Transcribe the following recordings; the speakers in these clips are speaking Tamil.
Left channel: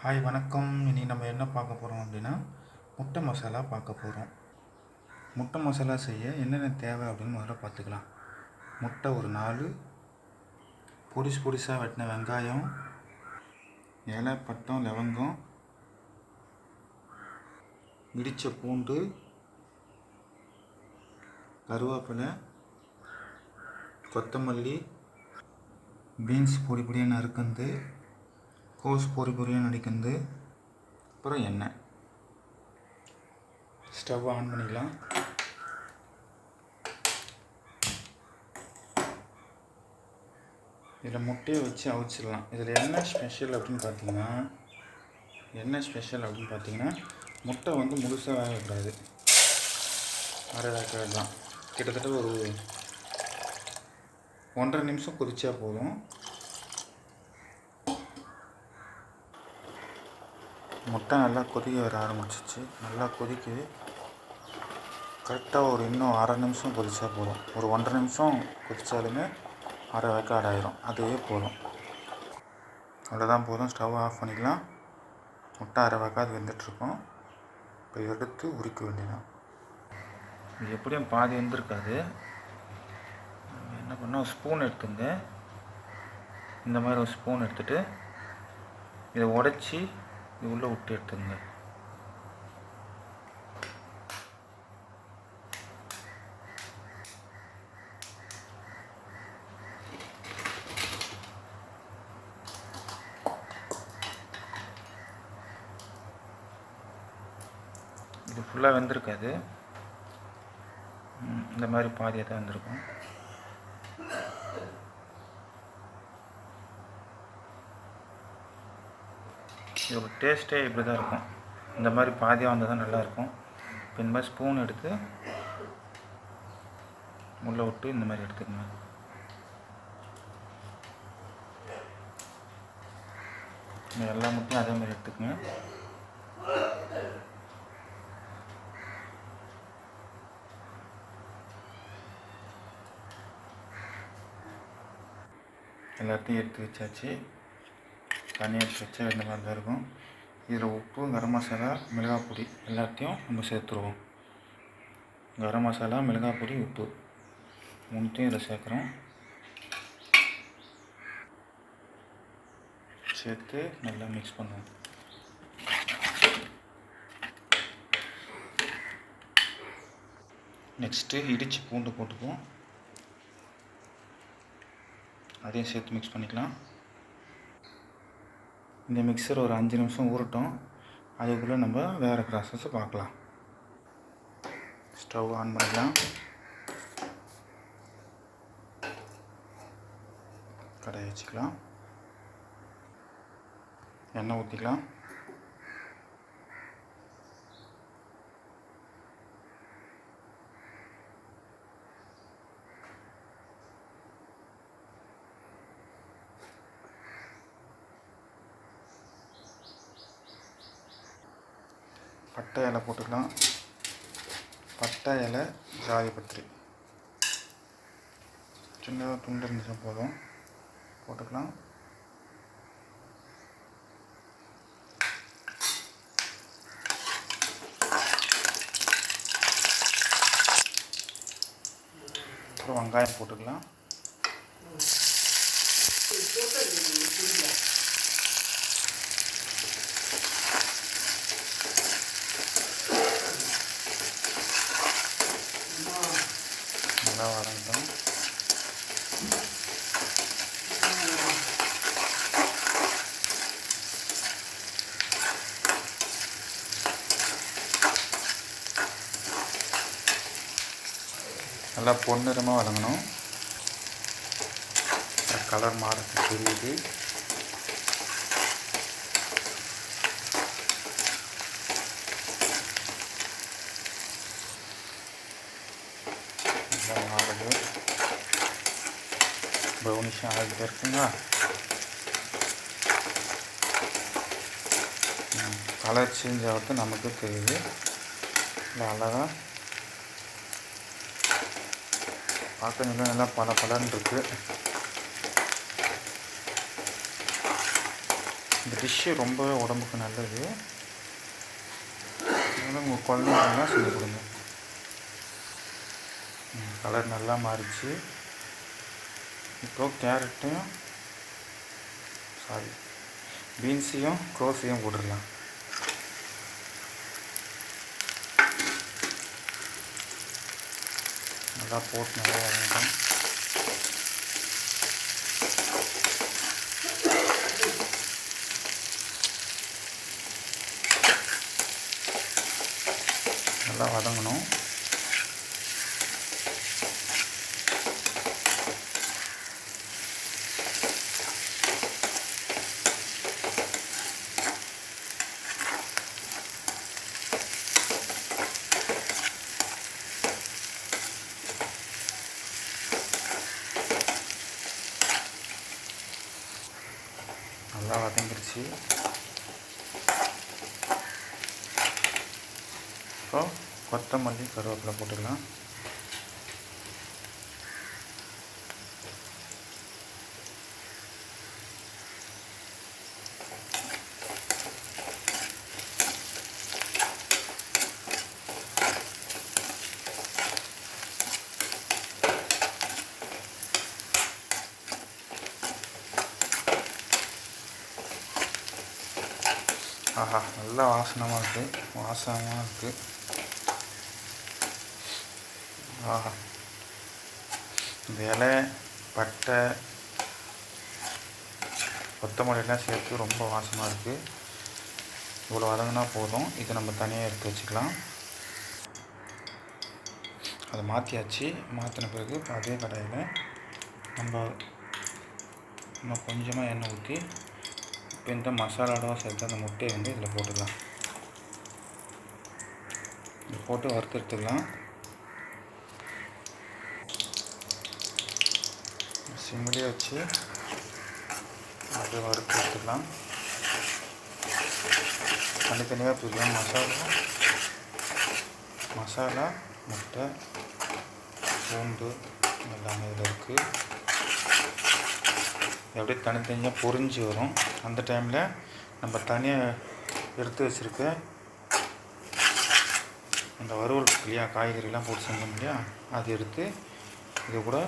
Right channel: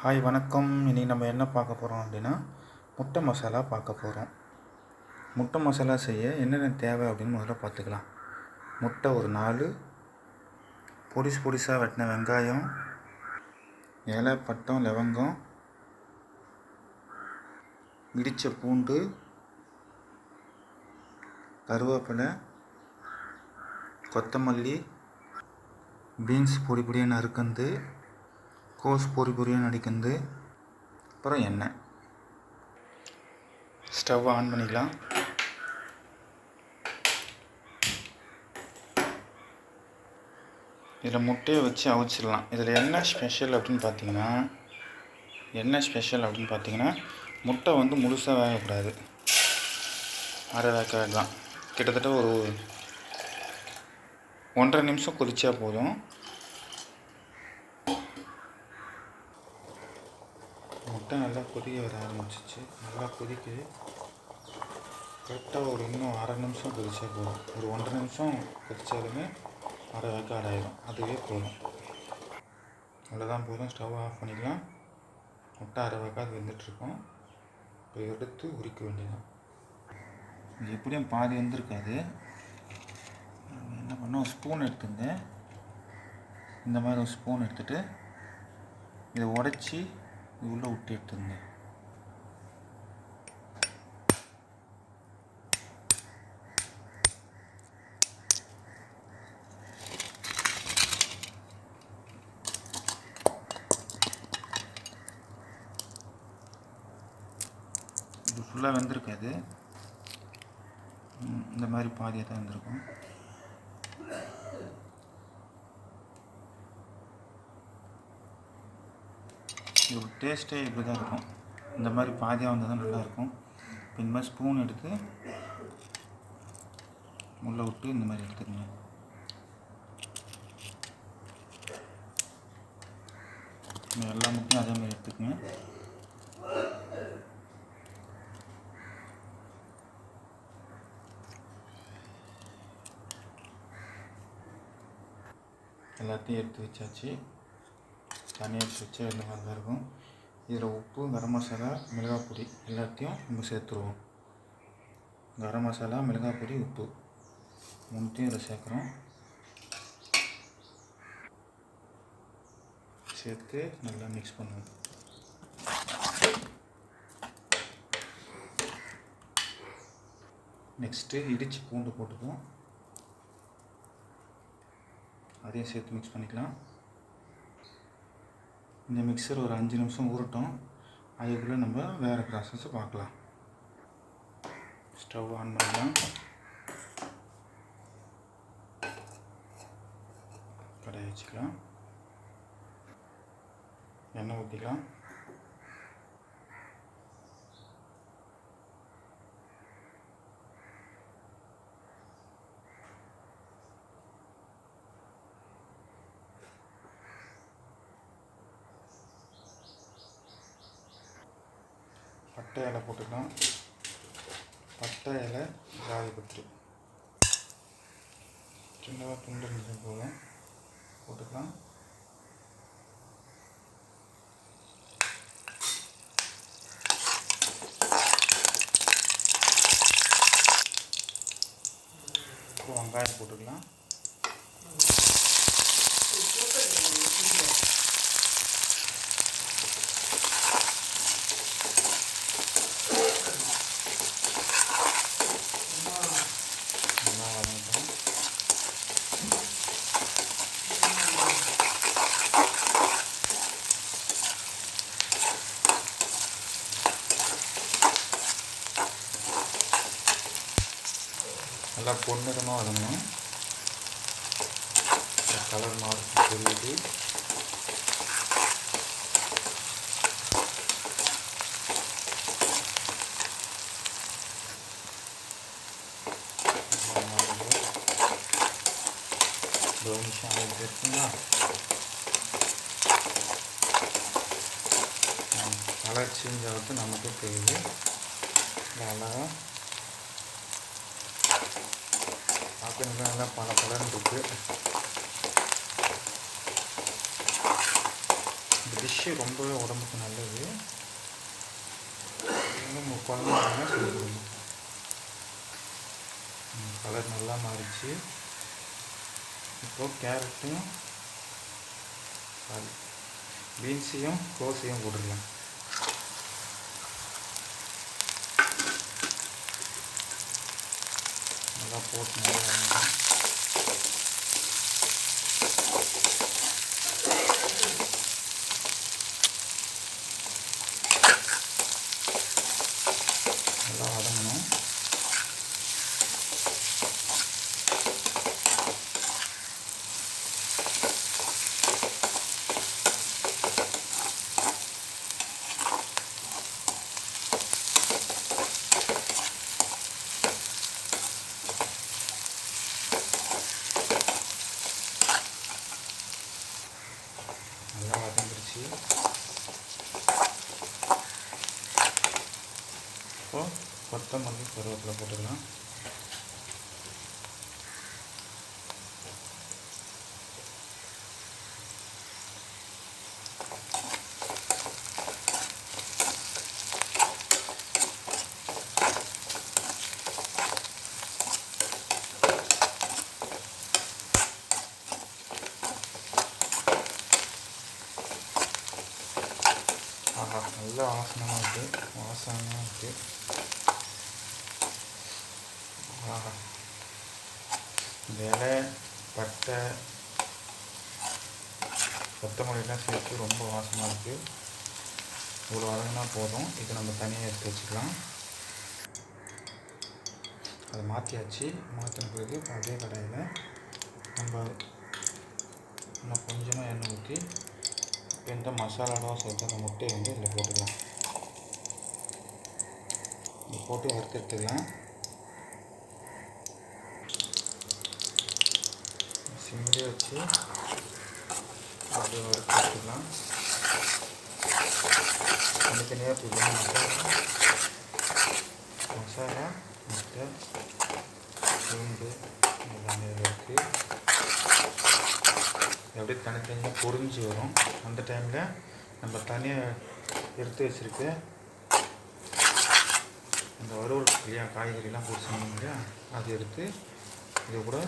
ஹாய் வணக்கம். இனி நம்ம என்ன பார்க்க போகிறோம் அப்படின்னா முட்டை மசாலா பார்க்க போகிறோம் முட்டை மசாலா செய்ய என்னென்ன தேவை அப்படின்னு முதல்ல பார்த்துக்கலாம். முட்டை ஒரு நாலு பொடிசு பொடிசாக வெட்டின வெங்காயம் இலை பட்டம் லவங்கம் இடித்த பூண்டு கருவேப்பிலை கொத்தமல்லி பீன்ஸ் பொடி பொடியாக நறுக்கந்து கோஸ் பொறி பொடியாக நடிக்கிறது. அப்புறம் எண்ணெய் ஸ்டவ் ஆன் பண்ணிக்கலாம். இதில் முட்டையை வச்சு அவிச்சிடலாம். இதில் என்ன ஸ்பெஷல் அப்படின்னு பார்த்தீங்கன்னா என்ன ஸ்பெஷல் அப்படின்னு பார்த்தீங்கன்னா முட்டை வந்து முழுசாக வேகக்கூடாது. அரை வேக்காடு தான். கிட்டத்தட்ட ஒரு ஒன்றரை நிமிஷம் கொதிச்சா போதும். முட்டை நல்லா கொதிக்க வர ஆரம்பிச்சிச்சு. நல்லா கொதிக்குது. கரெக்டாக ஒரு இன்னும் அரை நிமிஷம் கொதிச்சா போதும். ஒரு ஒன்றரை நிமிஷம் கொதித்தாலுமே அரை வேக்காடு ஆயிரும் அதுவே போதும். அவ்வளோதான் போதும். ஸ்டவ் ஆஃப் பண்ணிக்கலாம். முட்டை அரை வேக்காடு வெந்துட்டுருக்கோம். இப்போ எடுத்து உரிக்க வேண்டியதான் இது எப்படியும் பாதி வந்திருக்காது. என்ன பண்ணோம்? ஸ்பூன் எடுத்துங்க. இந்த மாதிரி ஒரு ஸ்பூன் எடுத்துகிட்டு இதை உடச்சி இது உள்ளே விட்டு எடுத்துங்க இது ஃபுல்லாக வந்திருக்காது. இந்த மாதிரி பாதியாக தான் வந்திருக்கும். இதோட டேஸ்ட்டே இப்படி தான் இருக்கும். இந்த மாதிரி பாதியாக வந்தால் தான் நல்லாயிருக்கும். இப்போ இந்த மாதிரி ஸ்பூன் எடுத்து உள்ளே விட்டு இந்த மாதிரி எடுத்துக்கங்க. எல்லா முட்டையும் அதே மாதிரி எடுத்துக்கங்க. எல்லாத்தையும் எடுத்து வச்சாச்சு. தனியாக எடுத்து வச்சா இந்த மாதிரி தான் இருக்கும். இதில் உப்பு கரம் மசாலா மிளகாய் பொடி எல்லாத்தையும் நம்ம சேர்த்துருவோம். கரம் மசாலா மிளகாய் பொடி உப்பு மூணுத்தையும் இதில் சேர்க்குறோம். சேர்த்து நல்லா மிக்ஸ் பண்ணுவோம். நெக்ஸ்ட்டு இடித்து பூண்டு போட்டுக்குவோம். அதையும் சேர்த்து மிக்ஸ் பண்ணிக்கலாம். இந்த மிக்சர் ஒரு அஞ்சு நிமிஷம் ஊறட்டும். அதுக்குள்ளே நம்ம வேறு ப்ராசஸை பார்க்கலாம். ஸ்டவ் ஆன் பண்ணிக்கலாம் கடையை வச்சுக்கலாம். எண்ணெய் ஊற்றிக்கலாம் பட்டை இலை போட்டுக்கலாம் பட்டை இலை ஜாதிபத்திரி சின்னதாக துண்டு இருந்துச்சா போதும். போட்டுக்கலாம். அப்புறம் வெங்காயம் போட்டுக்கலாம் நல்லா வதங்கட்டும் நல்லா பொன்னிறமாக வதங்கணும். கலர் மாறத்து தெரியுது நல்லா ஆகிட்டு இருக்குங்களா? கலர் சேஞ்ச் ஆகிறது நமக்கு தெரியுது. இல்லை அழகாக பார்க்க நல்லா பல பலன் இருக்குது இந்த டிஷ்ஷு ரொம்பவே உடம்புக்கு நல்லது. வந்து உங்கள் குழந்தைங்களாம் சொல்லி கொடுங்க. கலர் நல்லா மாறிச்சு இப்போ கேரட்டையும் சாரி பீன்ஸையும் க்ரோஸையும் போட்டுடலாம். நல்லா போட்டு நல்லா வதங்கணும் நல்லா வதங்கிருச்சு இப்போ கொத்தமல்லி கருவேப்பிலை போட்டுக்கலாம். ஆஹா நல்ல வாசனமாக இருக்குது வாசனமாக இருக்குது ஆஹா. இலை பட்டை கொத்தமல்லிலாம் சேர்த்து ரொம்ப வாசமாக இருக்குது இவ்வளோ வதங்கினா போதும். இதை நம்ம தனியாக எடுத்து வச்சுக்கலாம். அதை மாற்றியாச்சு மாற்றின பிறகு அதே கடாயில் நம்ம நம்ம கொஞ்சமாக எண்ணெய் ஊற்றி இப்போ இந்த மசாலாவோட சேர்த்து அந்த முட்டையை வந்து இதில் போட்டுக்கலாம். இது போட்டு வறுத்து எடுத்துக்கலாம். சிம்மிலே வச்சு அது வறுத்து எடுத்துக்கலாம். தனித்தனியாக தூக்கலாம் மசாலா. மசாலா முட்டை பூண்டு எல்லாமே இதில் இருக்குது அப்படியே தனித்தனியாக பொரிஞ்சு வரும். அந்த டைமில் நம்ம தனியாக எடுத்து வச்சுருக்க அந்த வறுவல் இல்லையா காய்கறிலாம் போட்டு செஞ்சோம் இல்லையா அது எடுத்து இதை கூட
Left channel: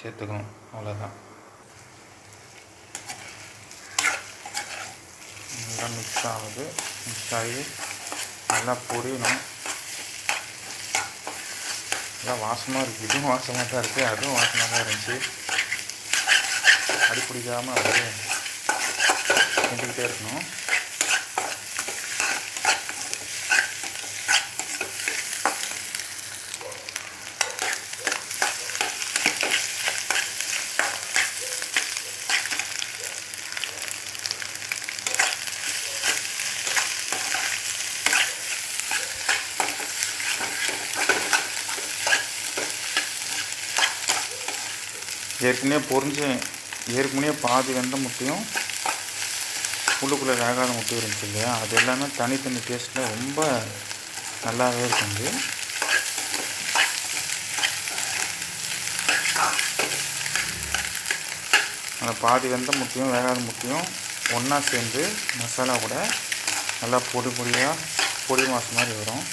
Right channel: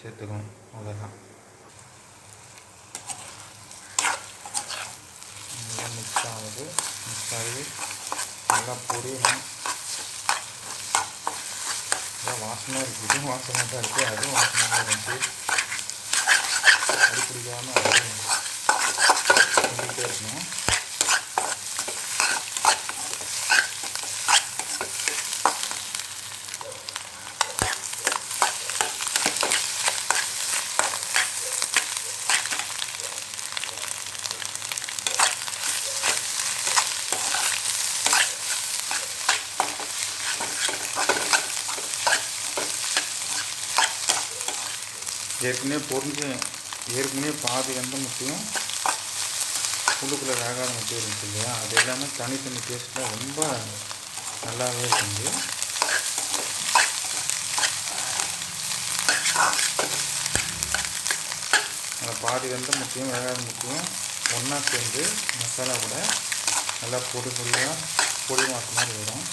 சேர்த்துக்கணும். அவ்வளோதான் நல்லா மிக்ஸ் ஆகுது. மிக்ஸ் ஆகி நல்லா பொரியணும். நல்லா வாசமாக இருக்குது இதுவும் வாசமாக தான் இருக்குது அதுவும் வாசமாக தான் இருந்துச்சு அடி பிடிக்காமல் அப்படியே கொண்டுக்கிட்டே இருக்கணும். ஏற்கனவே பொறிஞ்சு ஏற்கனவே பாதி வெந்த முட்டையும் உள்ளுக்குள்ளே வேகாத முட்டை இருந்துச்சு இல்லையா? அது எல்லாமே தனித்தனி டேஸ்ட்டில் ரொம்ப நல்லாவே இருக்குது அந்த பாதி வெந்த முட்டையும் வேகாத முட்டையும் ஒன்றா சேர்ந்து மசாலா கூட நல்லா பொடி பொடியாக பொடி மாசு மாதிரி வரும்.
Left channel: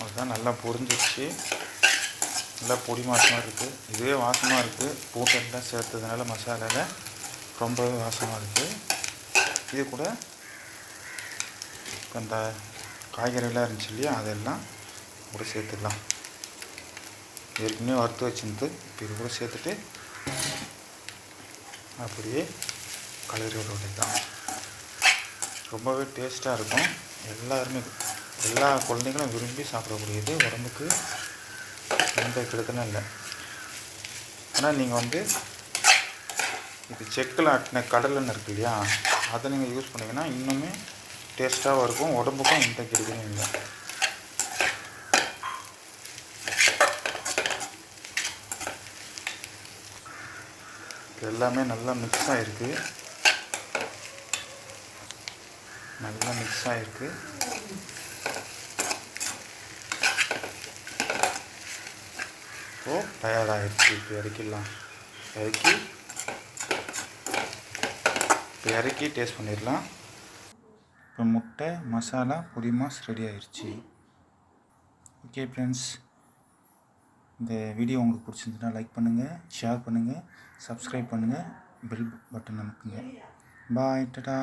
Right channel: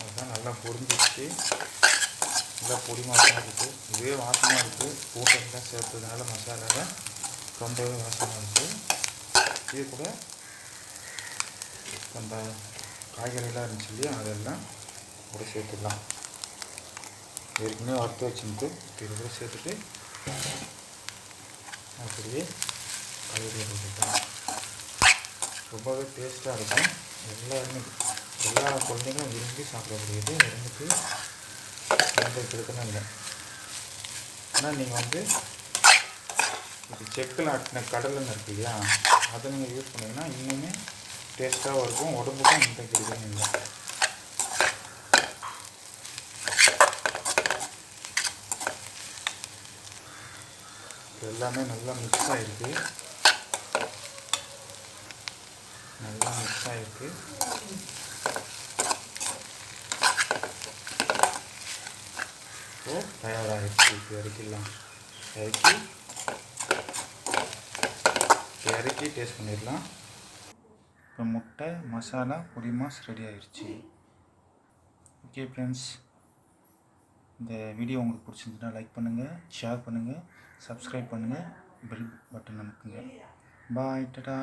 அதுதான் நல்லா பொரிஞ்சிச்சு நல்லா பொடி மாசமாக இருக்குது இதுவே வாசமாக இருக்குது பூட்டெல்லாம் சேர்த்ததுனால மசாலாவில் ரொம்பவே வாசமாக இருக்குது இது கூட அந்த காய்கறிலாம் இருந்துச்சு இல்லையா? அதெல்லாம் கூட சேர்த்துடலாம். ஏற்கனவே வறுத்து வச்சுருந்து இது கூட சேர்த்துட்டு அப்படியே கலரி தான் ரொம்பவே டேஸ்ட்டாக இருக்கும். எல்லாருமே எல்லா குழந்தைங்களும் விரும்பி சாப்பிடக்கூடியது உடம்புக்கு எந்த கெடுதலும் இல்லை. ஆனால் நீங்கள் வந்து இது செக்கில் ஆட்டின கடலெண்ணெய் இருக்கு இல்லையா? அதை நீங்கள் யூஸ் பண்ணிங்கன்னா இன்னுமே டேஸ்ட்டாகவும் இருக்கும் உடம்புக்கும் எந்த கெடுதலும் இல்லை எல்லாமே நல்லா மிக்ஸ் ஆகிருக்கு நல்லா மிக்ஸ் ஆகிருக்கு இப்போது தயாராகிடுச்சு. இப்போ இறக்கிடலாம். இறக்கி இப்போ இறக்கி டேஸ்ட் பண்ணிடலாம். இப்போ முட்டை மசாலா பொடி மாஸ் ரெடி ஆயிடுச்சு ஓகே ஃப்ரெண்ட்ஸ் இந்த வீடியோ உங்களுக்கு பிடிச்சிருந்துச்சுன்னா லைக் பண்ணுங்கள் ஷேர் பண்ணுங்கள் சப்ஸ்கிரைப் பண்ணுங்கள் பெல் பட்டன் அமுக்குங்க பாய் டடா